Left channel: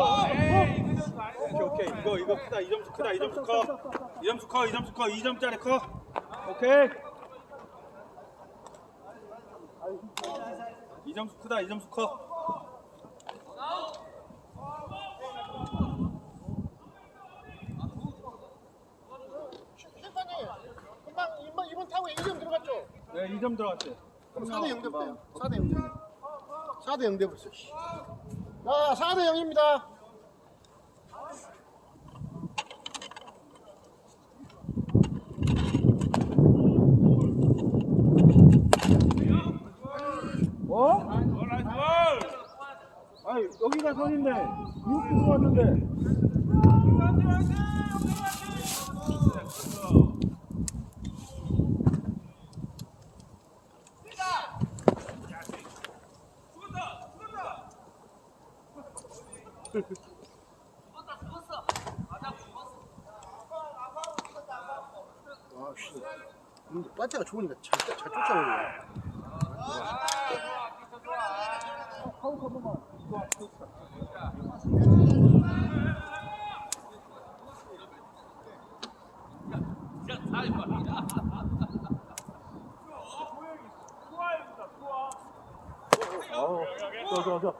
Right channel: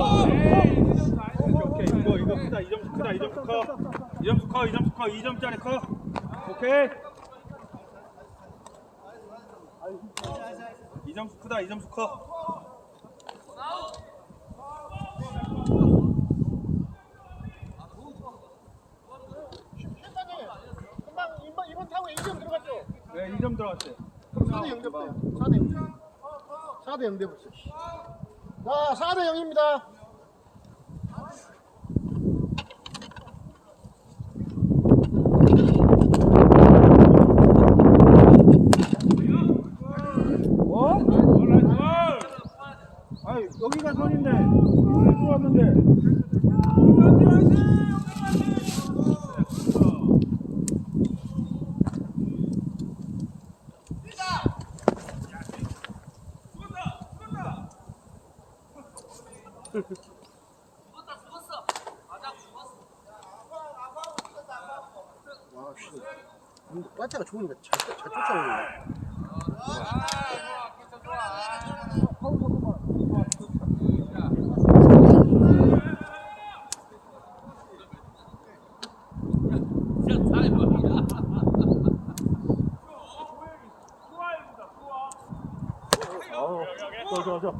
나이스. 아, 오케이 이거 이거 크다 2점수 크다 2점수 커 2점수 커 2점수 커 2점짜리 커 오케이 2점수 크다 2점수 커 금방 이번 이번 타고 2점 들어갔죠? 네 2점 들어갔어요 4대 0 됐어요. 4대 0. 4대 0 돼버렸어. 자, 4대 0입니다. 어? 아니, 여기가 선인데, 이렇게 들어왔는데. 와, 씨. 근데 빠트가 좋으니까 잘, 잘 쫓아오네. 走，走，走。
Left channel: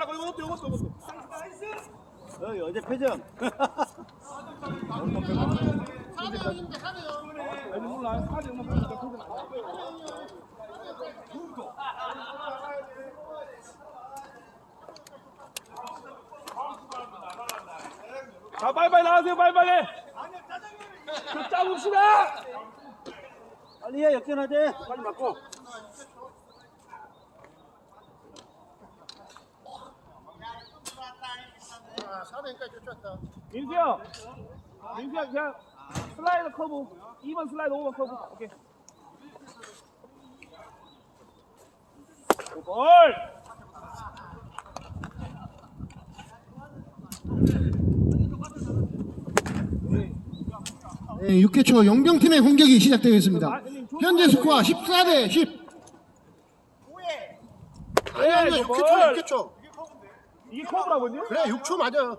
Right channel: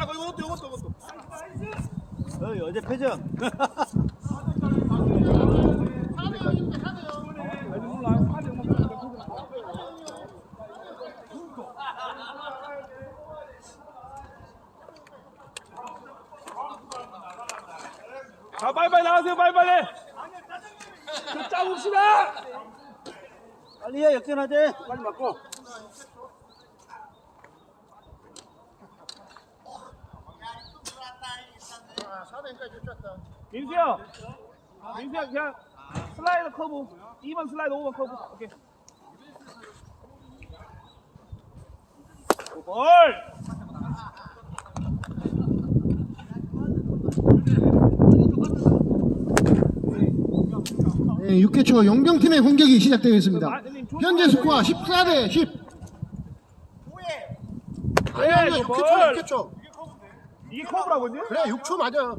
아우, 저, 저, 저. 어제 패전 자, 빨리빨리 나가세요, 빨리빨리. 자, 짜봅시다. 빨리 해 역전하자 빨리 맞고 자, 4대 0까지 쫓았다. 민수야. 민수야, 그냥 슬라이더 커브. 2번 슬라이더, 5번 커브. 오케이. 볼! 네, 6회 초 용병팀의 공격이 시작되겠습니다. 현재 스코어 14 대 10. 아니 아니 6회 초 6회 초. 이게 커브라고요? 그래 6초 맞아.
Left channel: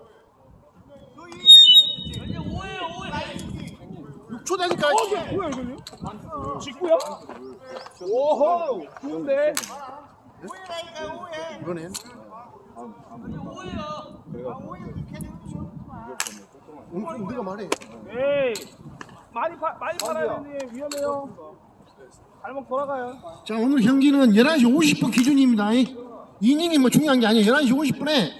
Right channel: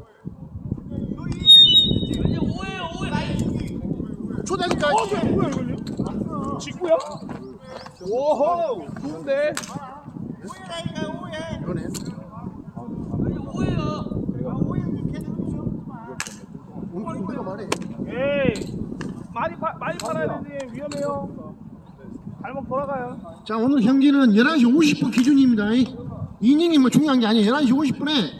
초다니까. 어, 저 뭐야, 이거요? 직구야? 오호, 좋은데? 이거네. 오늘 우리가 말해. 에이, 많이, 파, 많이 팔아야 되는데 위험해요. 발목 돌아가요. 자 오늘 경기는 11시 50분 기준입니다. 이닝이 뭐 중요한 게 아니에요. 11시 50분에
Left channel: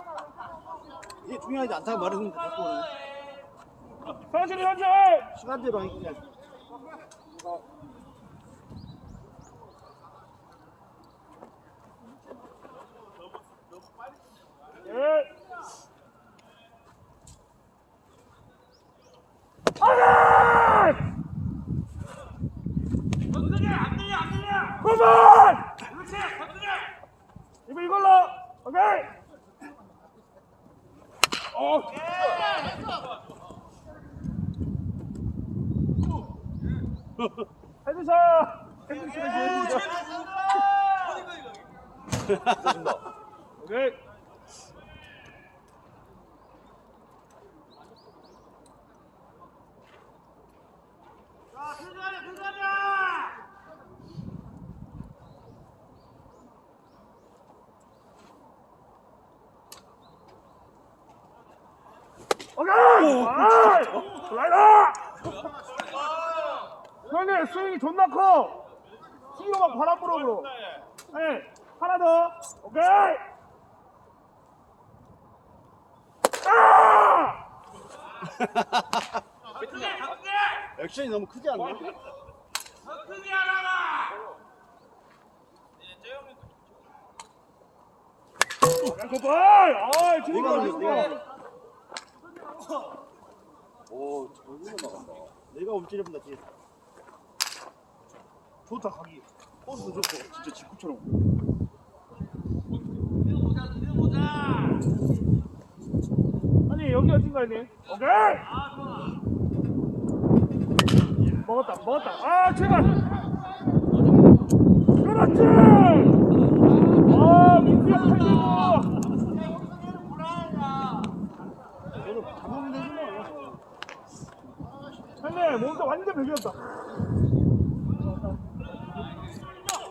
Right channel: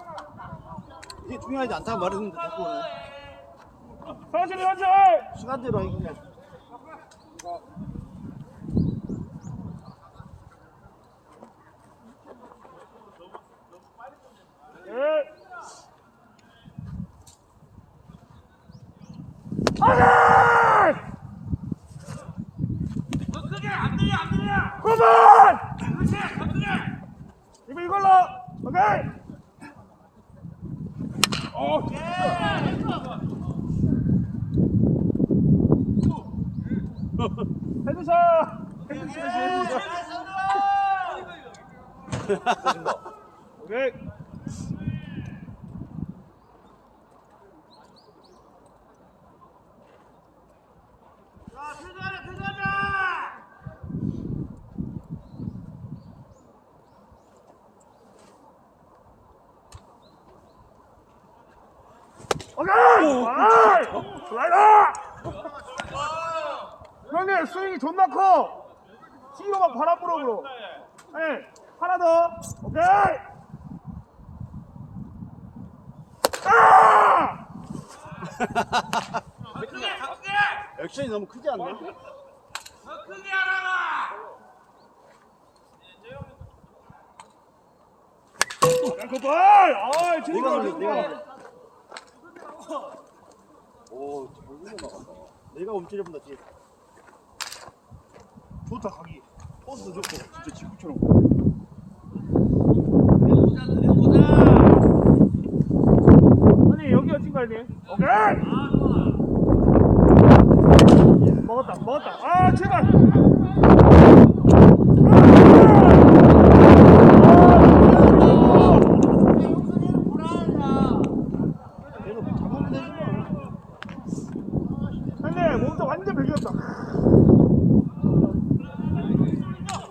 이게 중요하지 않다 말했는데 자꾸 서진이 선진! 시간대로 하기 그냥 아가! 굿볼! 이거 어. 해주셔. 해주시면 좋습니다. 오케이. 아이! 슬라이더! 형님 스윙이 존나 커! 뒤로 막 바람 불어 불어 네, 하나 더 오케이! 아! 액션이 너무 크지 않나? 굿볼! 아이 내가 좋다 올려, 좋다 내가. 오, 절로 나간다. 내가 움찔해 본다, 뒤에. 좋다 각이 포스도 좋고, 진짜 직구처럼. 아니 여기 어딘 거 아니? 오케이! 먹었다 먹었다 아 제발 걔는 잡으면 되지 뭐. 근데 베겼다.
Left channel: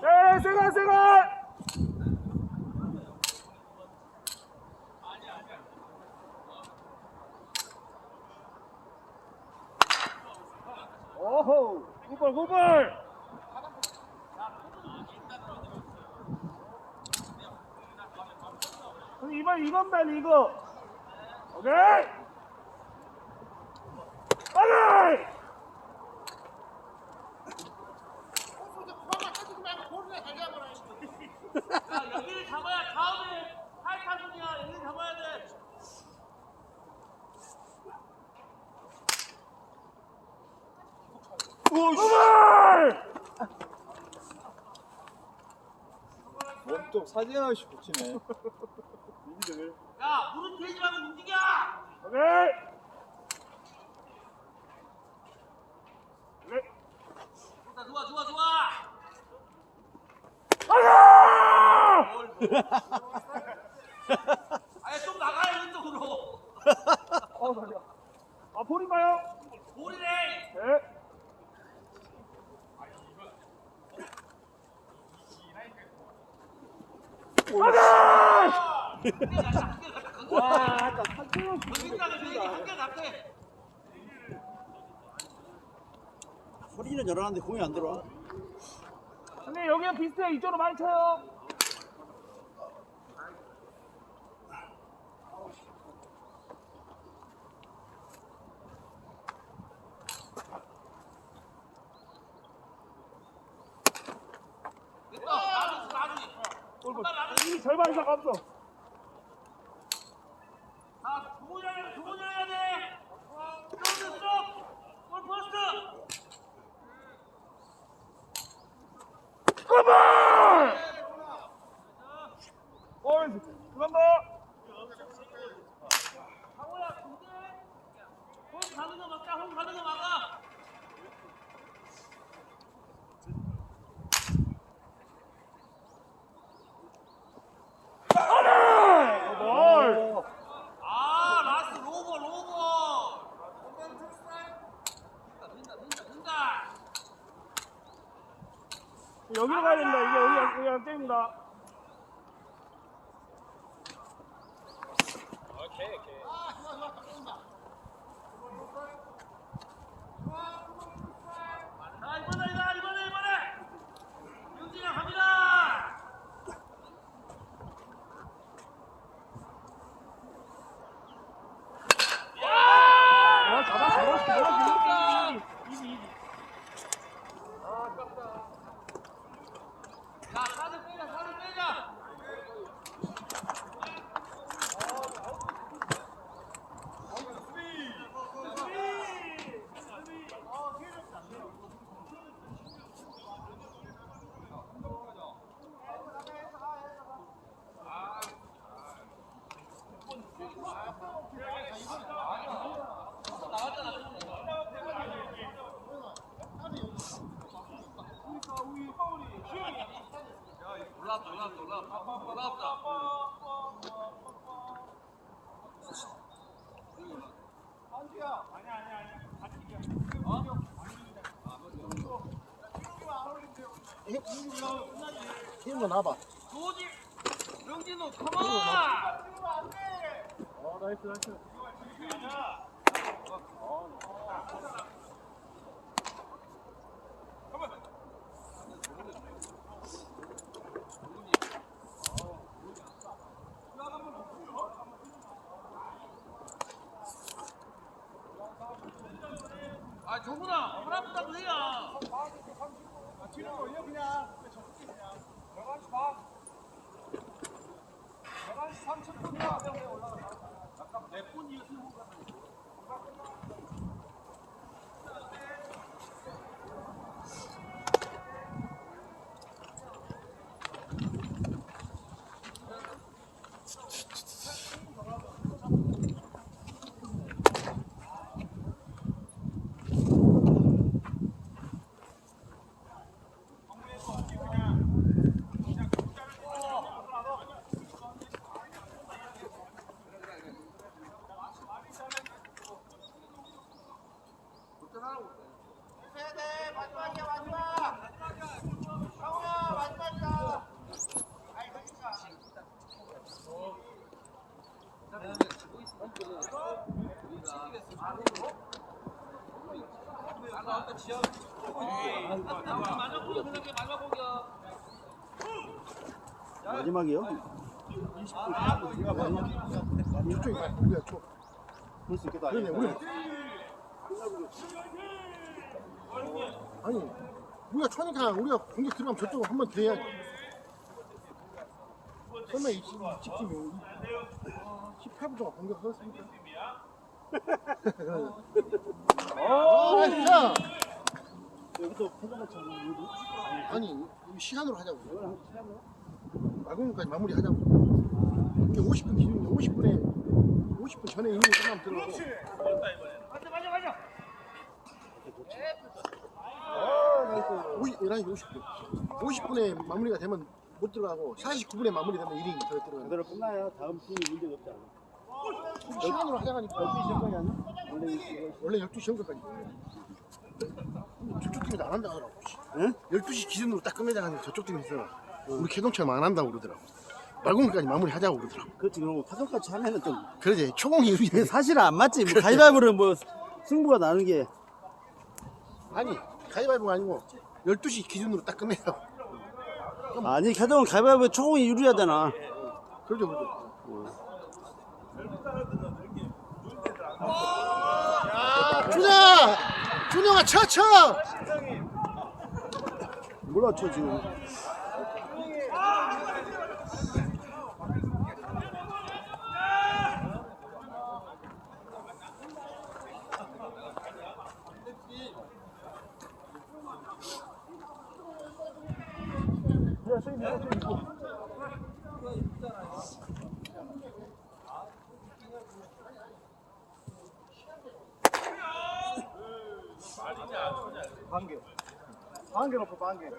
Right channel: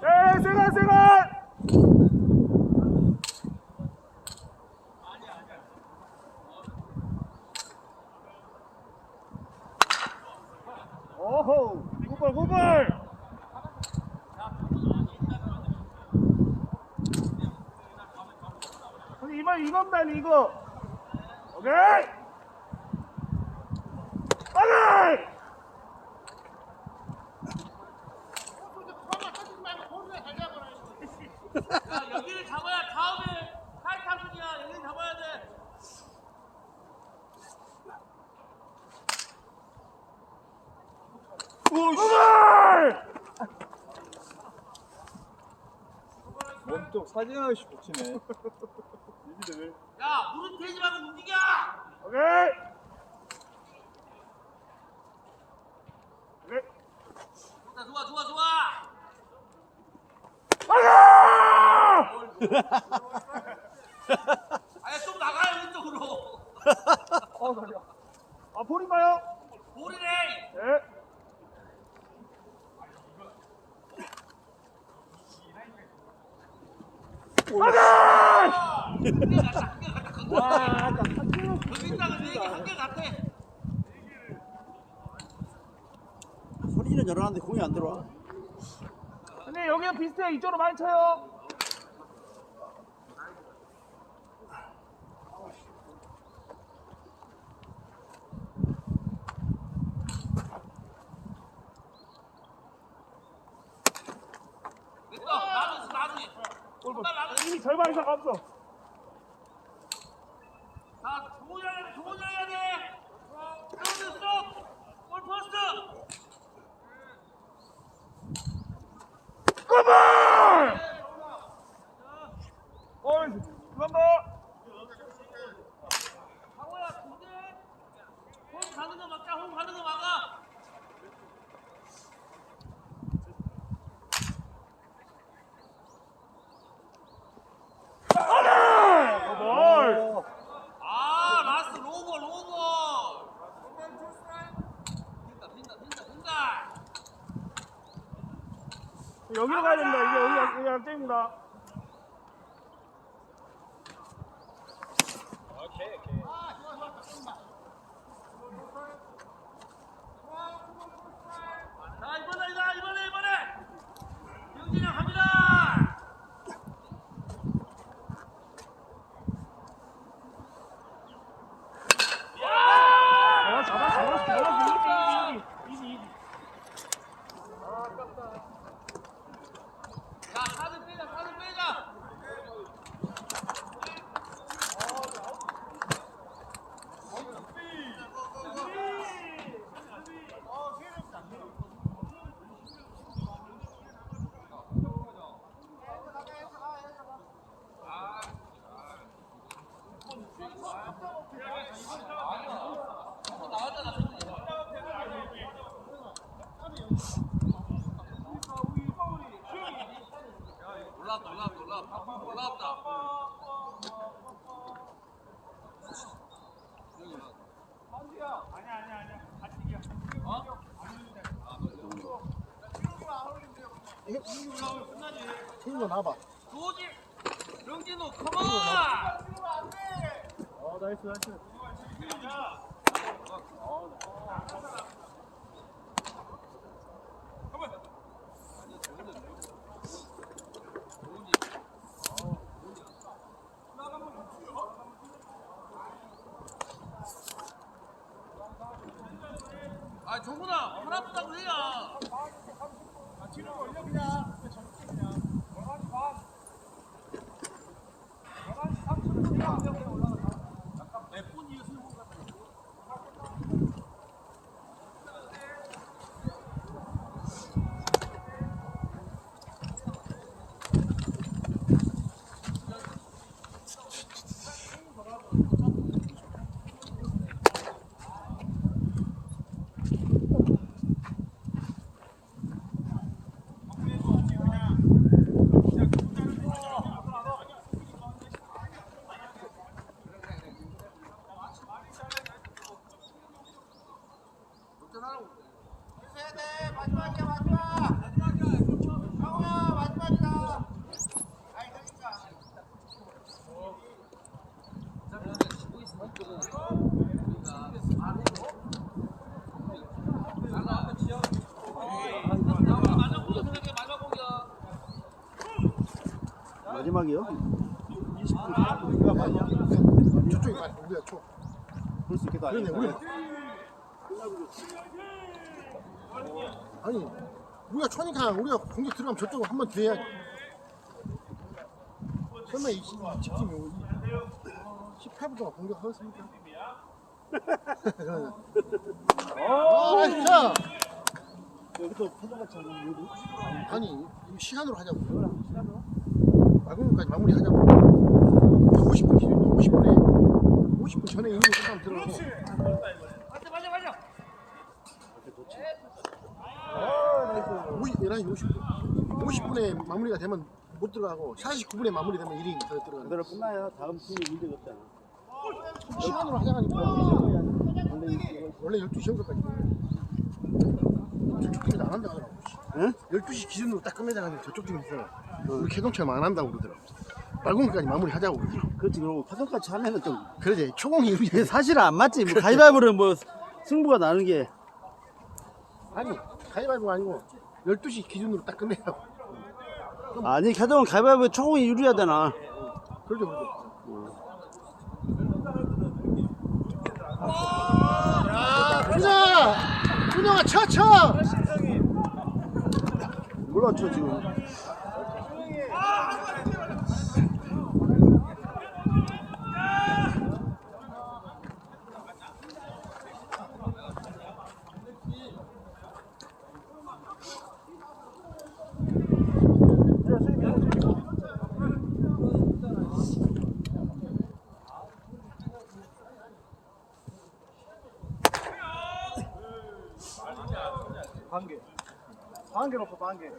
에이 세가 세가 오호 굿볼 굿볼 근데 이번 이번만 이거. 오케이 여기를 잡아야 다음에 팔카분이야 여기 잡아야 돼. 굿볼 몸쪽 사진하나씩 붙이네. 이들 야 무릎 대지 말고 움직여. 오케이 좋다 좋아 좋아 좋아. 아야 아예 좀 나가요 왼쪽으로. 어 다리야 아 볼인가요? 볼이래. 네 와, 아까 한쪽 여기까지 내게 한개 같아. 열어놨는데 공이 안 들어와. 근데 여기는 비슷해 이쪽으로 많이 쳐요. 골볼 이미 절반 이상 없어 자 조절해 조절해야 돼. 포스트 쪽. 골 포스트. 굿볼 어이 근데 홈 가는 거 막자 홈 가는 거 막아. 굿볼 아 라스 로버 로버. 된다 된다 된다 된다. 여기로 가야 된다. 이게 여기 여기 앞쪽입니다 힘을 놔봐. 도지, 명진호, 고마. 어, 나이스, 나이스. 정훈아 허락다고 해야 마지막이요? 저쪽이 우리가 쳐. 그럴 수 있겠다 그러네 우리. 아니 우리가 쳐니까 우리가 공격 들어가면 저쪽으로 한번더 해야지. 설마 이 직팀이 18분 동안 공격하겠습니까? 아, 진짜. 여기서 패전만 차는 이유도 아니 이 시간으로 하자고. 마감까지 마무리 하자고. 50분 기준 50분에 50분 전에 이미 시간 들어서. 맞아 맞아 맞아 50, 11시 50분. 50분에 마무리가 되면 못 들어가고 49분에 마무리되면 1인 더 들어가는 그대로 끝나야 다음 팀이 문제가 없잖아. 시간으로 하자니까. 원래 이거 원래 12시 정도까지. 저쪽 팀이 안 한다 하더라고 응? 12시 기준으로 딱 끝내자 하는데 저쪽 팀에서 우리 캐동처럼 안 한다고 그러더라고. 말공까지 마무리 하자고 그러더라고. 그렇지 그럼 파전까지 하면은 좀 그러지. 초공이 근데 사실은 안 맞지. 뭐 가위바위보는 뭐 승부가 나는 게. 아니 가위바위보가 아니고 12시 기준으로 딱 끝내라고 아니 캐동은 가위바위보 초공이 유리해야 되나 그러죠 그러죠. 준영아! 준영아 쳐쳐! 몰라 쳐 지금 반개. 반개 놓고 반개.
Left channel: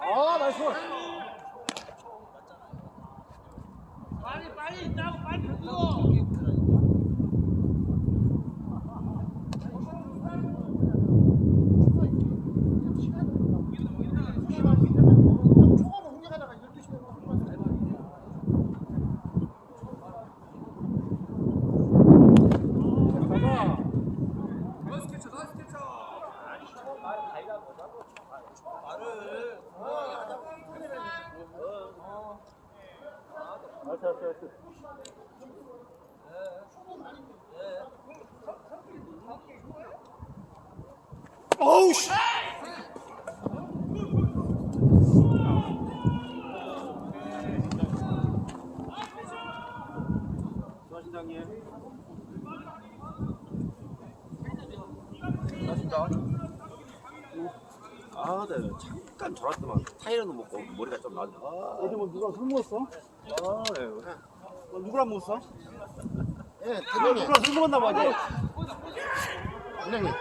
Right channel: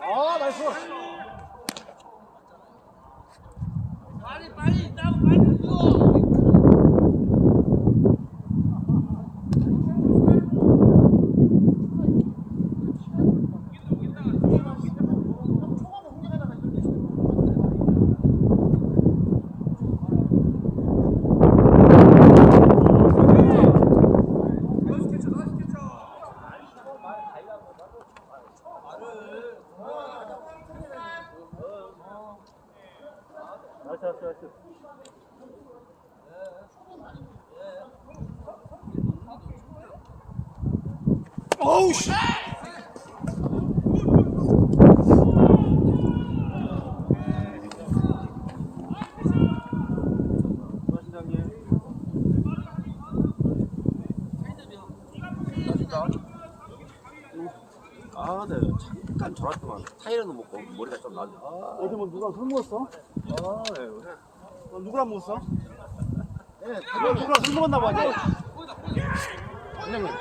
아, 나이스. 빨리 빨리 나고 빨리 들고 나이스, 나이스, 나이스. 어우 씨 아, 네. 잠깐 졸았더만 타이어도 먹고 머리가 좀 나네. 아, 어디 뭐 누가 술 먹었어? 아, 네. 너 누구랑 못 써? 예, 너 누구랑 술 먹었나 봐. 너. 선생님,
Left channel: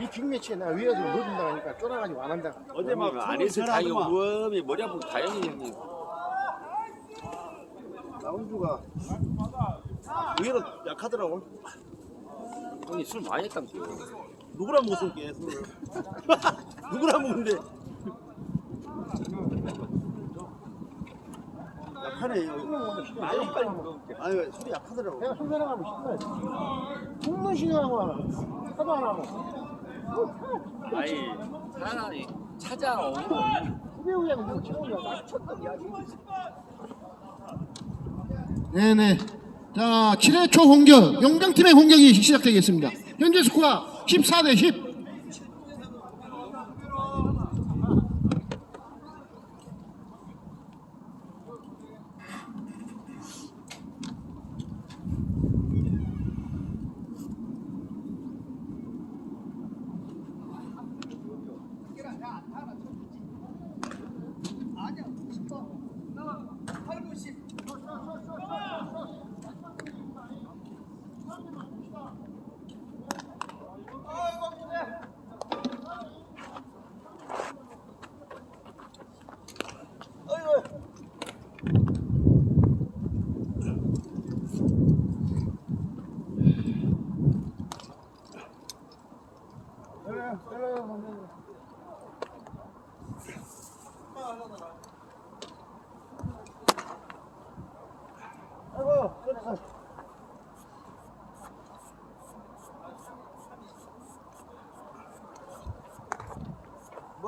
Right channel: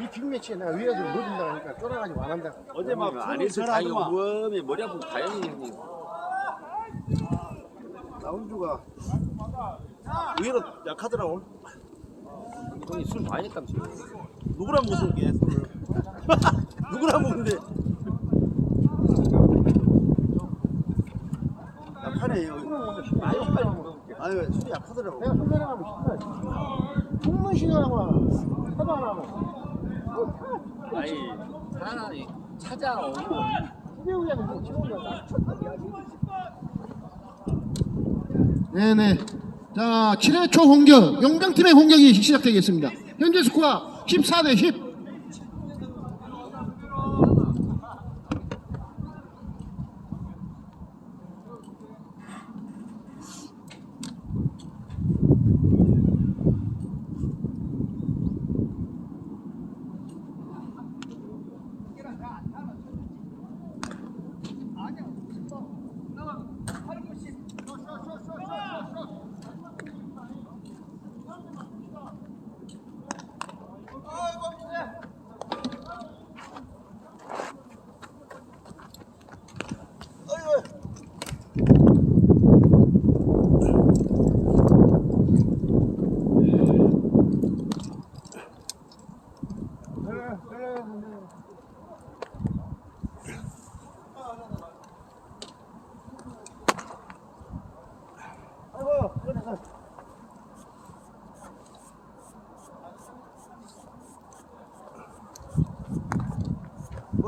이, 이 빅매치에 내가 위에서 넣어준다 하니까 쫄아가지고 안 한다. 어제 막 안에서 술을 전화하더만. 몸이 머리 아프고 다행히 형님. 라운드가 의외로 약하더라고. 형님 술 많이 했다면서요. 누구랑 못 쏠게. 술을. 누구랑 먹는데. 약하네. 이거. 빨리 빨리 먹어. 아니 왜 술이 약하더라고. 내가 손 내려가면 신나지. 죽는 신경하고 하도 안 하고. 아니 차라리 찾아오고 후배우야고 뭐 친구야. 네네. 자, 7회 초 공격, 용병팀의 공격이 시작되겠습니다. 현재 스코어 14대 10.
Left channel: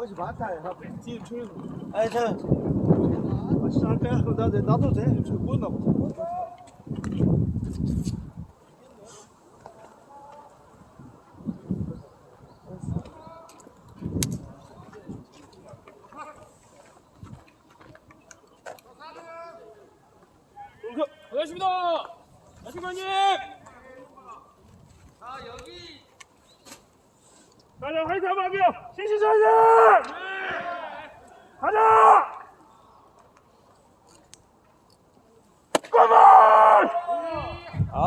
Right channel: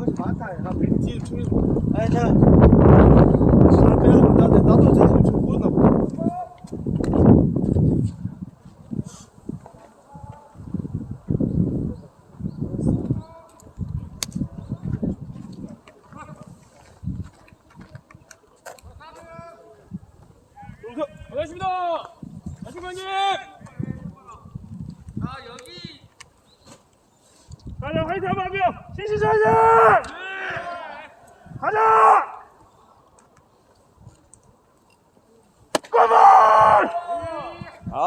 뭐지 많다. 지금 충이. 아니 자. 나도 나도 지금 좀 보였나 보다. 반갑습니다. 아주머님. 가자 화이팅 한번 하게요. 신시사이즈. 가자. 고볼.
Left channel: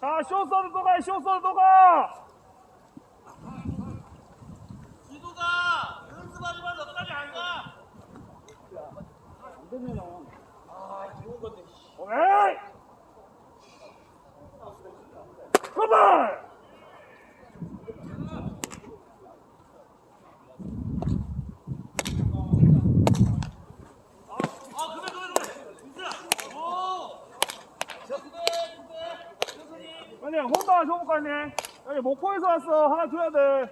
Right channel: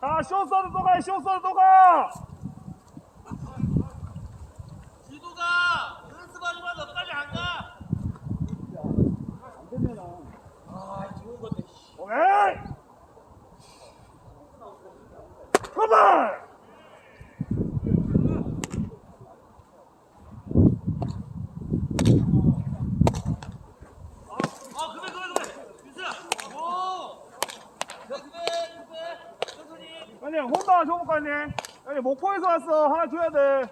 자 쇼서로 또 가, 쇼서로 또 가! 지도가 오른쪽 가지만 너까지 안 가. 오케이! 컴온! 아 그래 그래 그래. 민수야. 오. 그래 그래 그래. 아니 거 아니네 아니 목포에서 왔어 하나 줘야 돼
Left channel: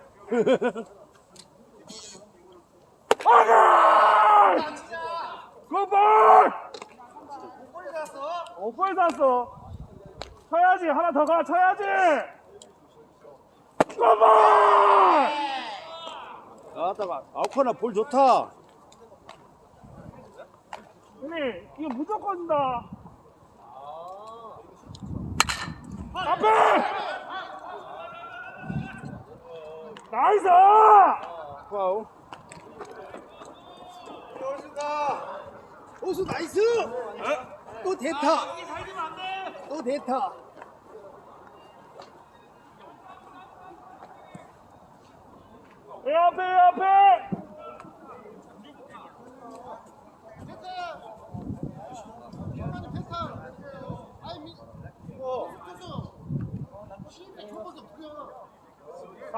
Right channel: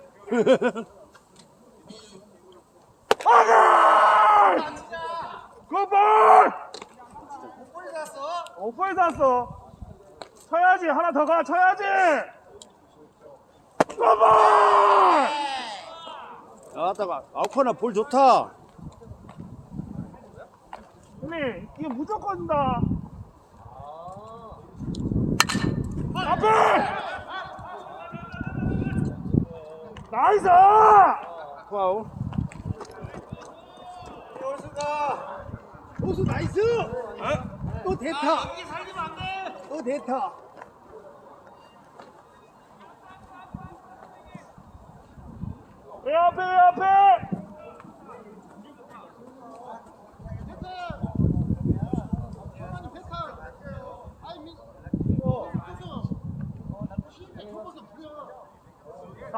아가! 굿볼! 목포에서 왔어 쳐야지 하나 더 가 쳐야지 굿볼! 아따가 아코나 볼 좋다. 형님 이거 무조건 다 앞에 나이스 파울. 오수 나이스. 또 대타. 또 대타. 왜 앞에 왜 앞에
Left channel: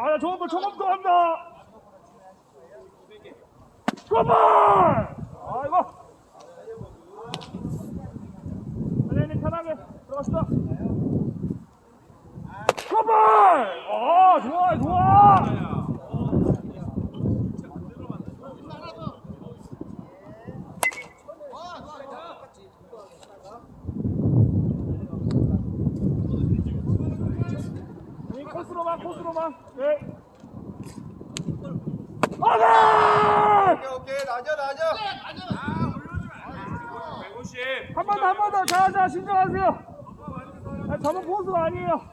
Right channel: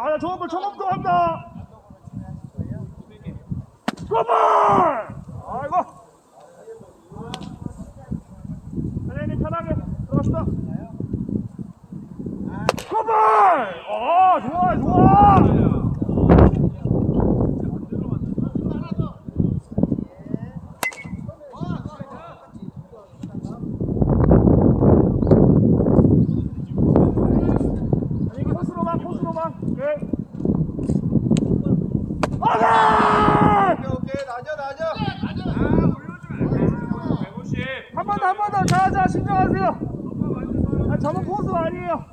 아, 저거 저것도 한다. 그만! 아이고. 선생님 편하게 들어갑시다. 그만! 아, 좋아, 좋아. 번 더, 한 번 더. 자, 자, 신청하세요. 아, 저는 포수가 아니에요.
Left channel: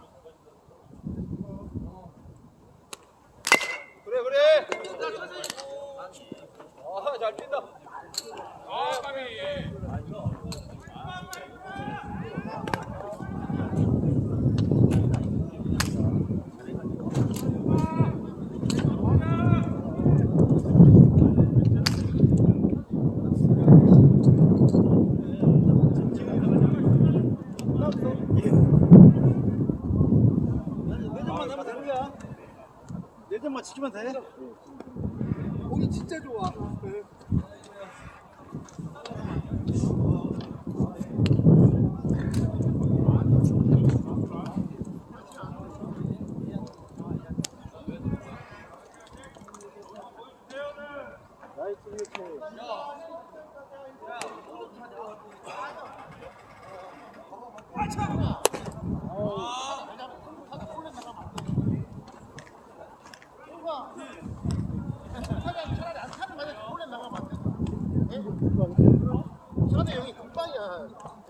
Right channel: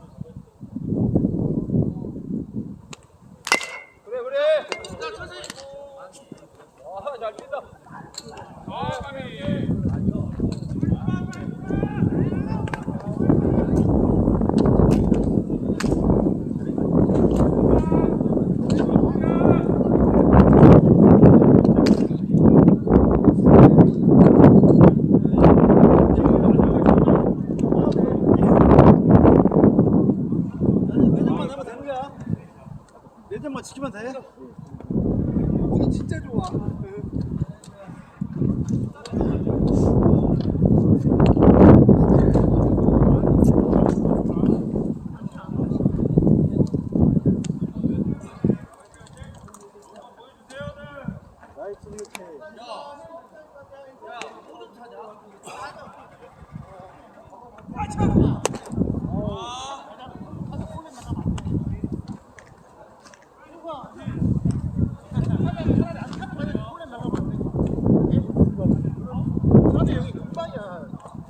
내 점만 지키면 돼. 공이 진짜 좋아.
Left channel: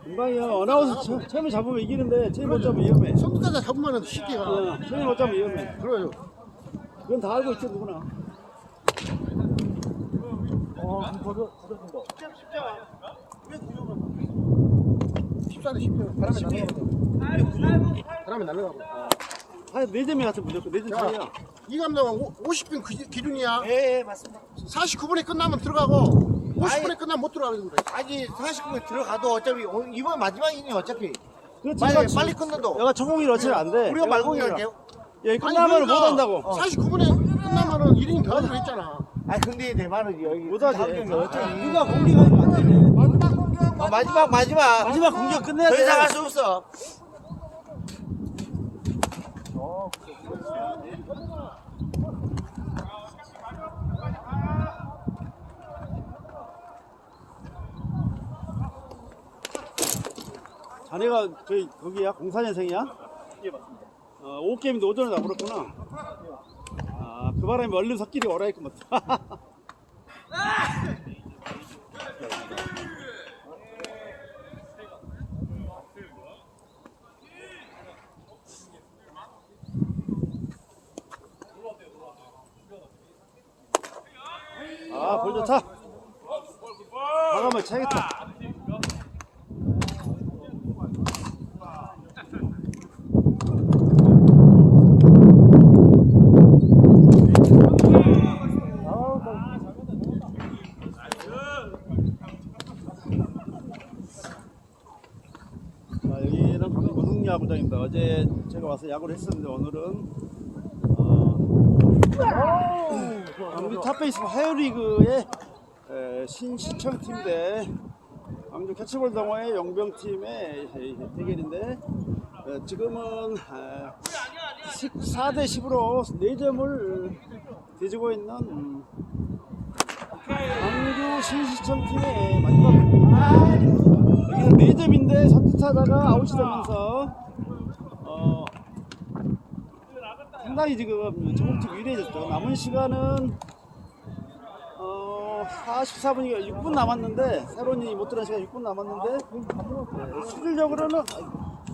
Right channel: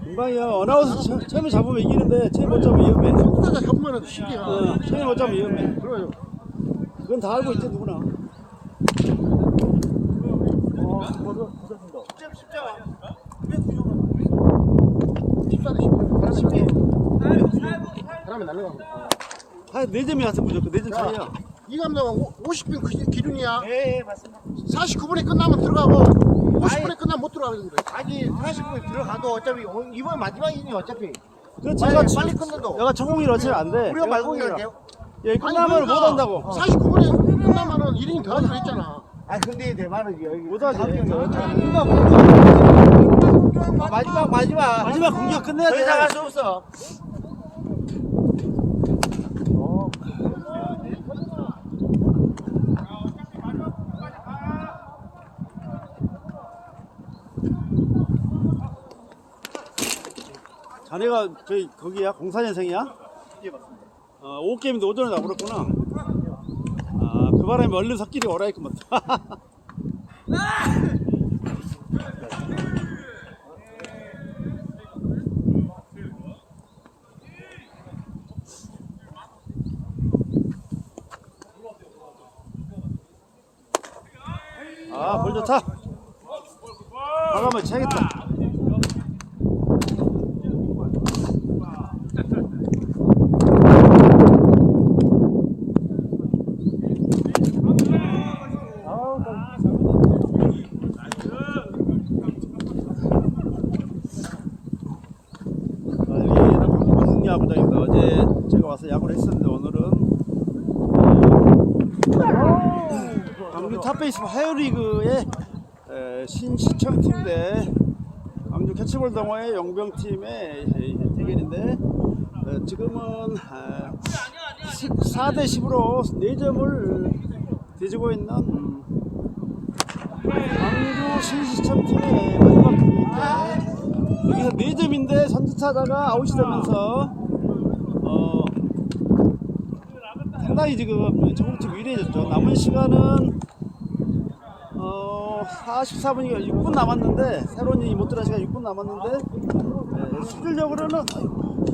금방이야. 어나운서 처- 처음에 잡으면 이기는데 처음에 못 잡으면 위험해. 속도가 잡으면 쉽게 가. 어, 처음에 못 잡으면 위험해. 그래요. 그건 다 알고 있지 누구나. 바람에 날라가. 바람에 날라가. 아, 네 점이 와서 무조건 네점 자, 차이야. 이 감독은 50분 그 기준이야. 예, 예, 맞습니다. 49분에 끝나면 들어가고 50분에 끝나면 못 들어가는 거야. 아니 40분 들어가도 어차피 오늘 이번 마지막이니 어차피 그렇지. 빨리, 내가 빨리 끝내도 내가 전공일 어차피 안 돼. 우리가 말고 그냥 돼요. 예, 끝나면 못 한다고. 49분에 끝나면은 1인이 더 하기로 했잖아. 아 근데 내 말은 여기 못하지. 누가 공격, 마지막 마지막 마지막 공격 끝내야 더 돼. 이상 할 수 없어 자네가 저기 거기야 공사년생이야? 예 맞습니다. 어, 5게임인데 오전에 나버렸구나. 바람에 얼른 석길이 오라 했구만. 아, 볼 좋다. 나가면 차겠다. 아, 여기는 무슨 야구장인데 어제 제가 와서 야구를 했었는데 오늘은 어, 광주 탑베이스 하이리그의 신시청 팀 대 광주 캐치볼 동호회 용병팀의 대결인데 어, 지금은 14대 10으로 4점을 뒤지고 있는 음, 광주 신시청 팀의 마지막 경기인데 여기서 4점인데 선두차다가 아웃이 되면서 어, 상당히 지금 조금씩 유리해졌죠. 남은 시간은 어, 44분이가 6분 남았는데 새로운이 못 들어간 시간 6분 남았는데 네, 실질적으로는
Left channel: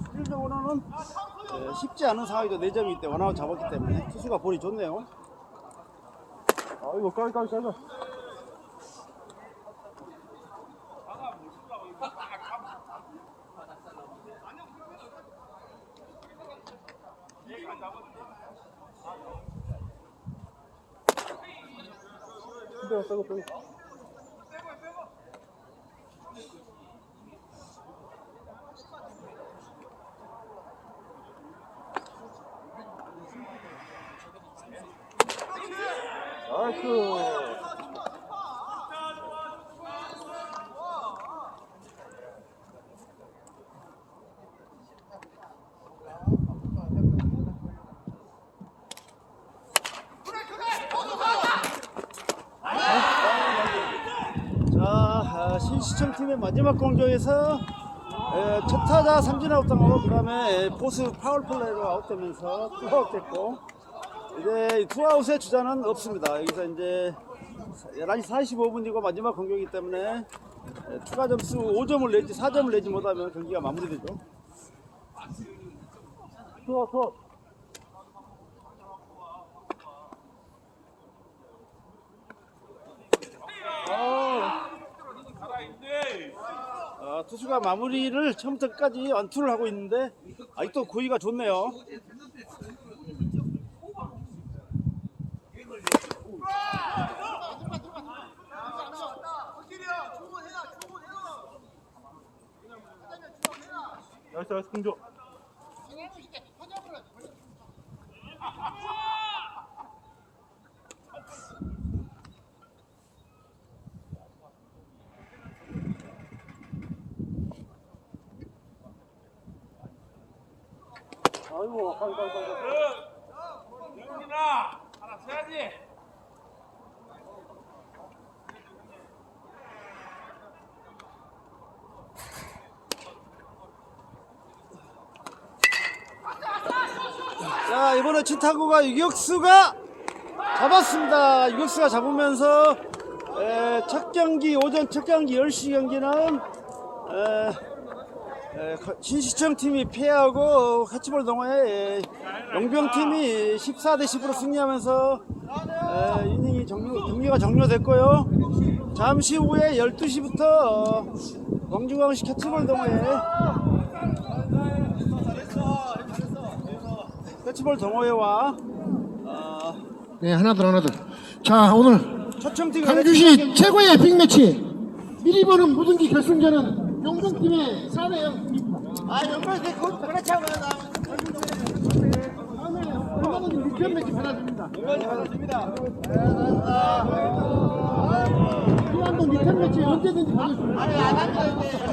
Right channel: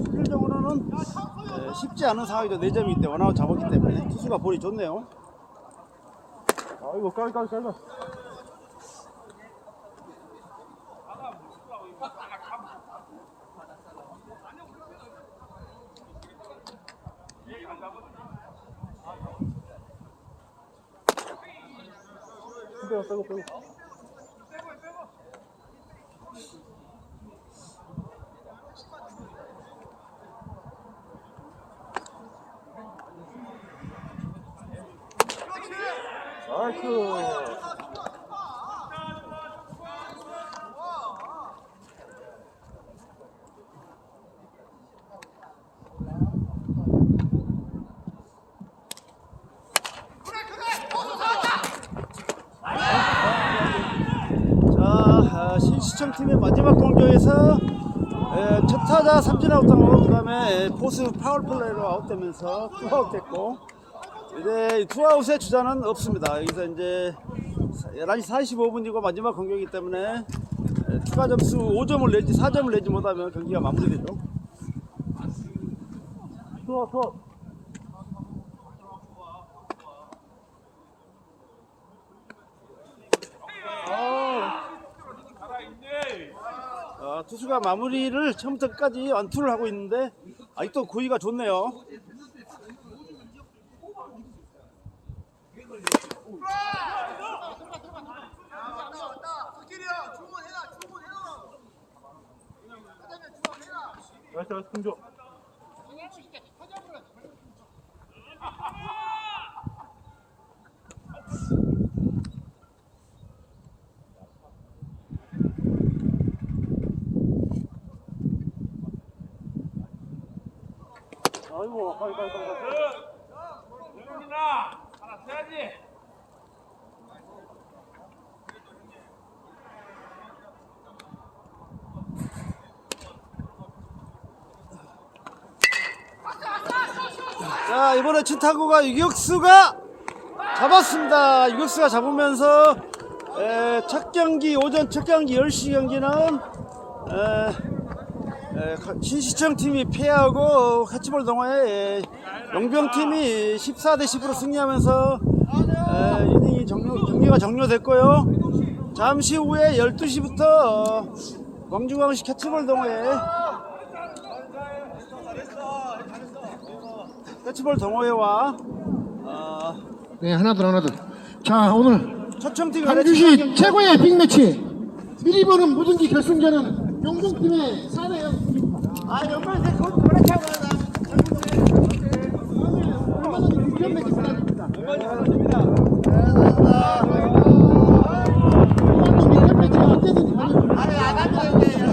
실질적으로는 네, 쉽지 않은 상황이죠. 4점이기 때문에 원아웃 잡았기 때문에 투수가 볼이 좋네요. 깔, 깔, 깔, 깔. 빼고, 빼고, 빼고. 나이스. 자, 아, 신시청 팀의 마지막 공격에서 에, 첫 타자 삼진 아웃당하고 그 다음에 포스 파울 플레이로 아웃되면서 투아웃 됐고 이제 투아웃의 주자는 없습니다. 여기서 이제 11시 45분이고 마지막 공격이기 때문에 예, 추가 점수 5점을 내지 4점을 내지 못하면 경기가 마무리되죠. 더, 더. 아, 투수가 마무리를 처음부터 끝까지 완투를 하고 있는데 아직도 고의가 좋네요. 나이스 나이스 공조 아이고, 가위, 가위, 가위, 가위. 하나 세야지 자 이번에 진타구가 유격수가 잡았습니다. 유격수가 잡으면서 에, 첫 경기 오전 첫 경기 10시 경기는 에, 신시청 팀이 패하고 캐치볼 동호회 용병 팀이 14대 10으로 승리하면서 에, 이닝이 종료, 경기가 종료됐고요. 잠시 후에 12시부터 광주광시 캐치볼 동호회 캐치볼 동호회와 어, 네 하나둘 하나둘 자 오늘 광주시 최고의 빅매치 1위번은 무등기 결승전은 용종팀의 4대0 승리입니다 아 연말에 거기 그렇지 않아 다음에 얼마든지 빅전 매치 받아줍니다 받아줍니다. 이만큼 빅전 매치 언제든지 받아줍니다